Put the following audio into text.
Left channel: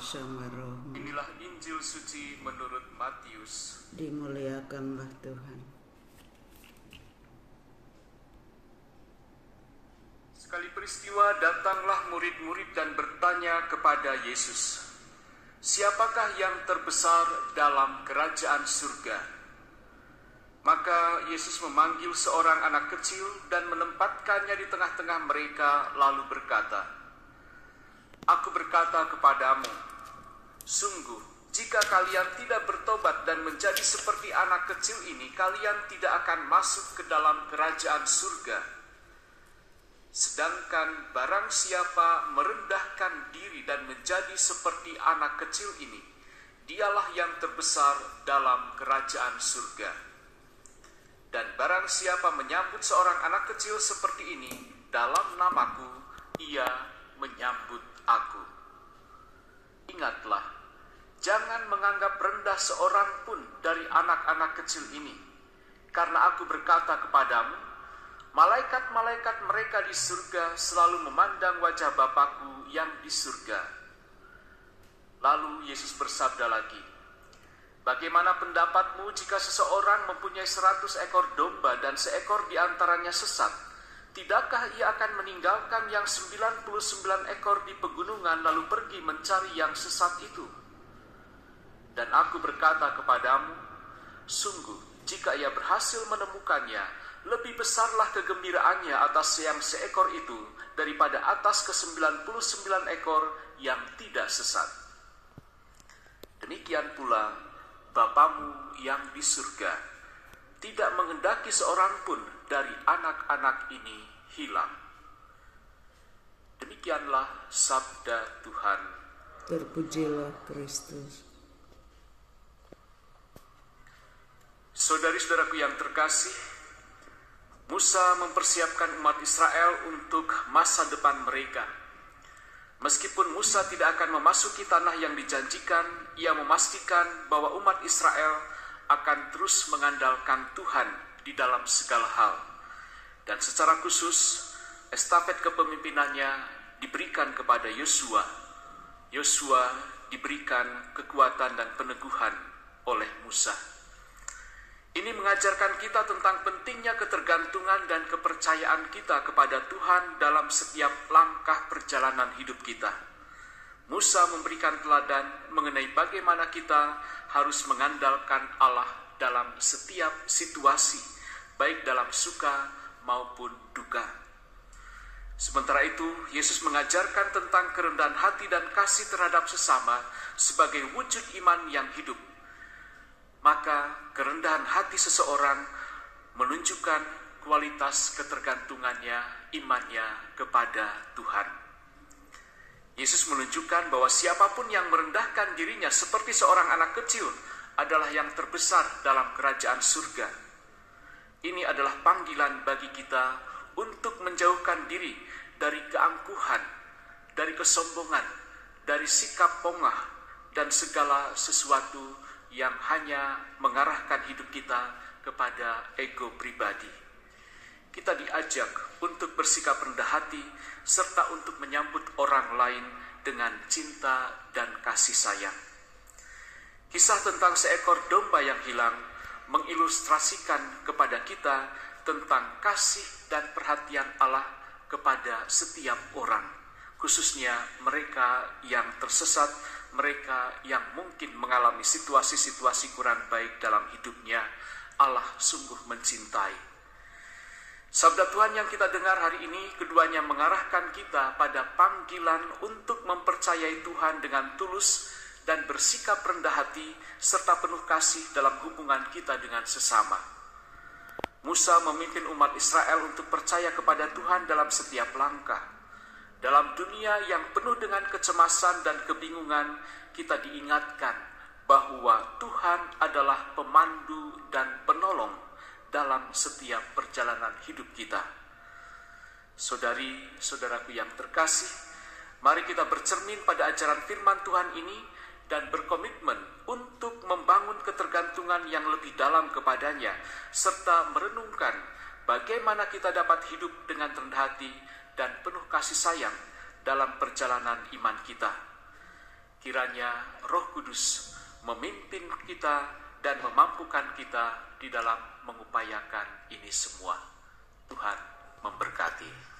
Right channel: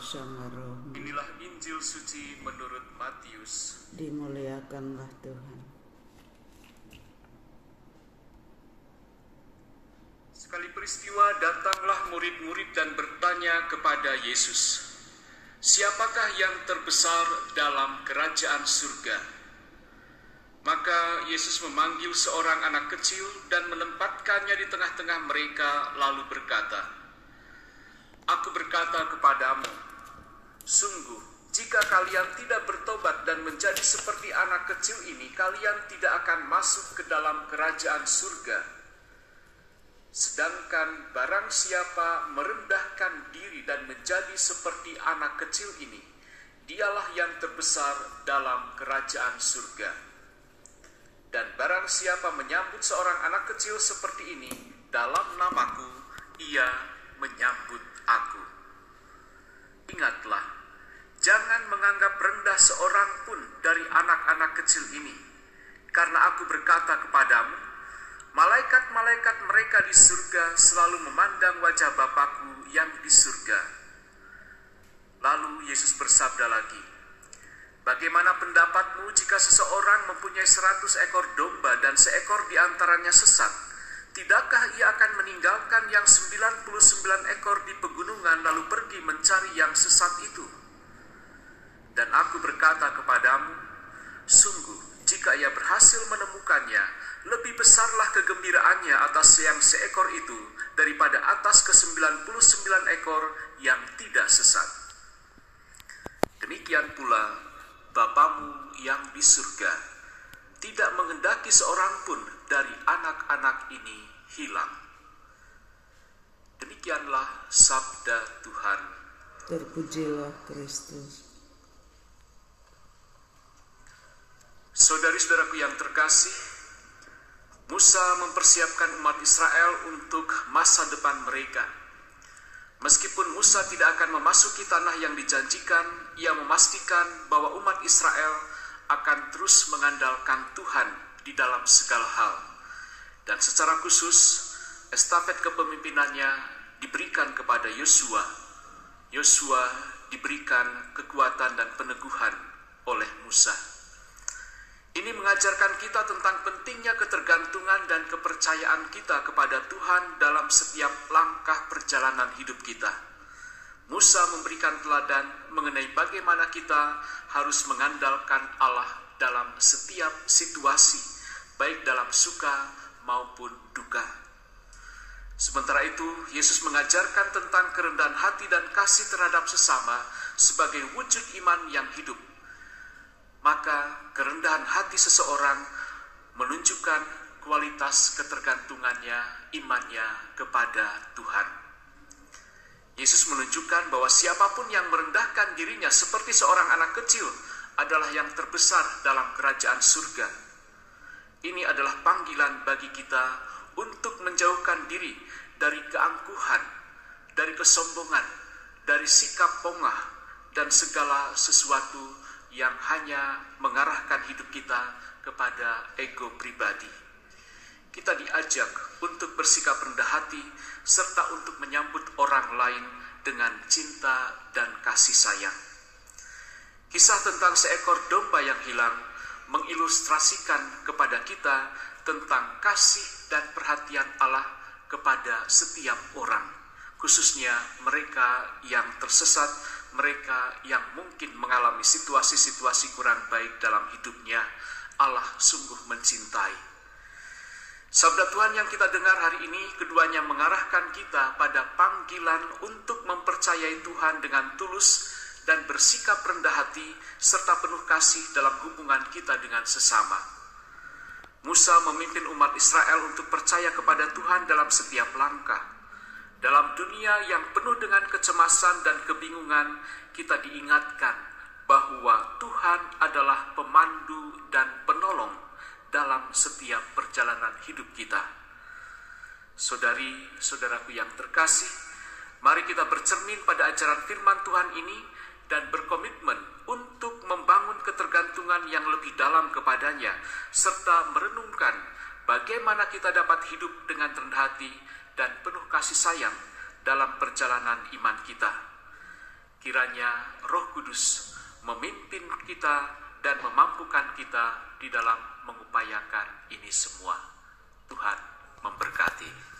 sama rohmu. Inilah Injil suci menurut Matius. Dimuliakanlah Tuhan. Sekali peristiwa datanglah murid-murid dan bertanya kepada Yesus, "Siapakah yang terbesar dalam kerajaan surga?" Maka Yesus memanggil seorang anak kecil dan menempatkannya di tengah-tengah mereka, lalu berkata, "Aku berkata kepadamu, sungguh, jika kalian tidak bertobat dan menjadi seperti anak kecil ini, kalian tidak akan masuk ke dalam kerajaan surga. Sedangkan barang siapa merendahkan diri dan menjadi seperti anak kecil ini, dialah yang terbesar dalam kerajaan surga. Dan barang siapa menyambut seorang anak kecil seperti ini dalam namaku, ia menyambut aku. Ingatlah, jangan menganggap rendah seorang pun dari anak-anak kecil ini, karena aku berkata kepadamu, malaikat-malaikat mereka di surga selalu memandang wajah Bapakku yang di surga." Lalu Yesus bersabda lagi, "Bagaimana pendapatmu jika seseorang mempunyai 100 ekor domba dan seekor di antaranya sesat? Tidakkah ia akan meninggalkan yang 99 ekor di pegunungan lalu pergi mencari yang sesat itu? Dan aku berkata kepadamu, sungguh, jika ia berhasil menemukannya, lebih besarlah kegembiraannya atas yang seekor itu daripada atas ke-99 ekor yang tidak sesat. Demikian pula Bapamu yang di surga tidak menghendaki seorang pun dari anak-anak ini hilang." Demikianlah sabda Tuhan. Terpujilah Kristus. Saudari-saudaraku yang terkasih, Musa mempersiapkan umat Israel untuk masa depan mereka. Meskipun Musa tidak akan memasuki tanah yang dijanjikan, ia memastikan bahwa umat Israel akan terus mengandalkan Tuhan di dalam segala hal. Dan secara khusus, estafet kepemimpinannya diberikan kepada Yosua. Yosua diberikan kekuatan dan peneguhan oleh Musa. Ini mengajarkan kita tentang pentingnya ketergantungan dan kepercayaan kita kepada Tuhan dalam setiap langkah perjalanan hidup kita. Musa memberikan teladan mengenai bagaimana kita harus mengandalkan Allah dalam setiap situasi, baik dalam suka maupun duka. Sementara itu, Yesus mengajarkan tentang kerendahan hati dan kasih terhadap sesama sebagai wujud iman yang hidup. Maka kerendahan hati seseorang menunjukkan kualitas ketergantungannya, imannya kepada Tuhan. Yesus menunjukkan bahwa siapapun yang merendahkan dirinya seperti seorang anak kecil adalah yang terbesar dalam kerajaan surga. Ini adalah panggilan bagi kita untuk menjauhkan diri dari keangkuhan, dari kesombongan, dari sikap pongah, dan segala sesuatu yang hanya mengarahkan hidup kita kepada ego pribadi. Kita diajak untuk bersikap rendah hati serta untuk menyambut orang lain dengan cinta dan kasih sayang. Kisah tentang seekor domba yang hilang mengilustrasikan kepada kita tentang kasih dan perhatian Allah kepada setiap orang, khususnya mereka yang tersesat, mereka yang mungkin mengalami situasi-situasi kurang baik dalam hidupnya. Allah sungguh mencintai. Sabda Tuhan yang kita dengar hari ini keduanya mengarahkan kita pada panggilan untuk mempercayai Tuhan dengan tulus dan bersikap rendah hati serta penuh kasih dalam hubungan kita dengan sesama. Musa memimpin umat Israel untuk percaya kepada Tuhan dalam setiap langkah. Dalam dunia yang penuh dengan kecemasan dan kebingungan, kita diingatkan bahwa Tuhan adalah pemandu dan penolong dalam setiap perjalanan hidup kita. Saudari-saudaraku yang terkasih, mari kita bercermin pada ajaran firman Tuhan ini dan berkomitmen untuk membangun ketergantungan yang lebih dalam kepadanya, serta merenungkan bagaimana kita dapat hidup dengan rendah hati dan penuh kasih sayang dalam perjalanan iman kita. Kiranya Roh Kudus memimpin kita dan memampukan kita di dalam mengupayakan ini semua. Tuhan memberkati.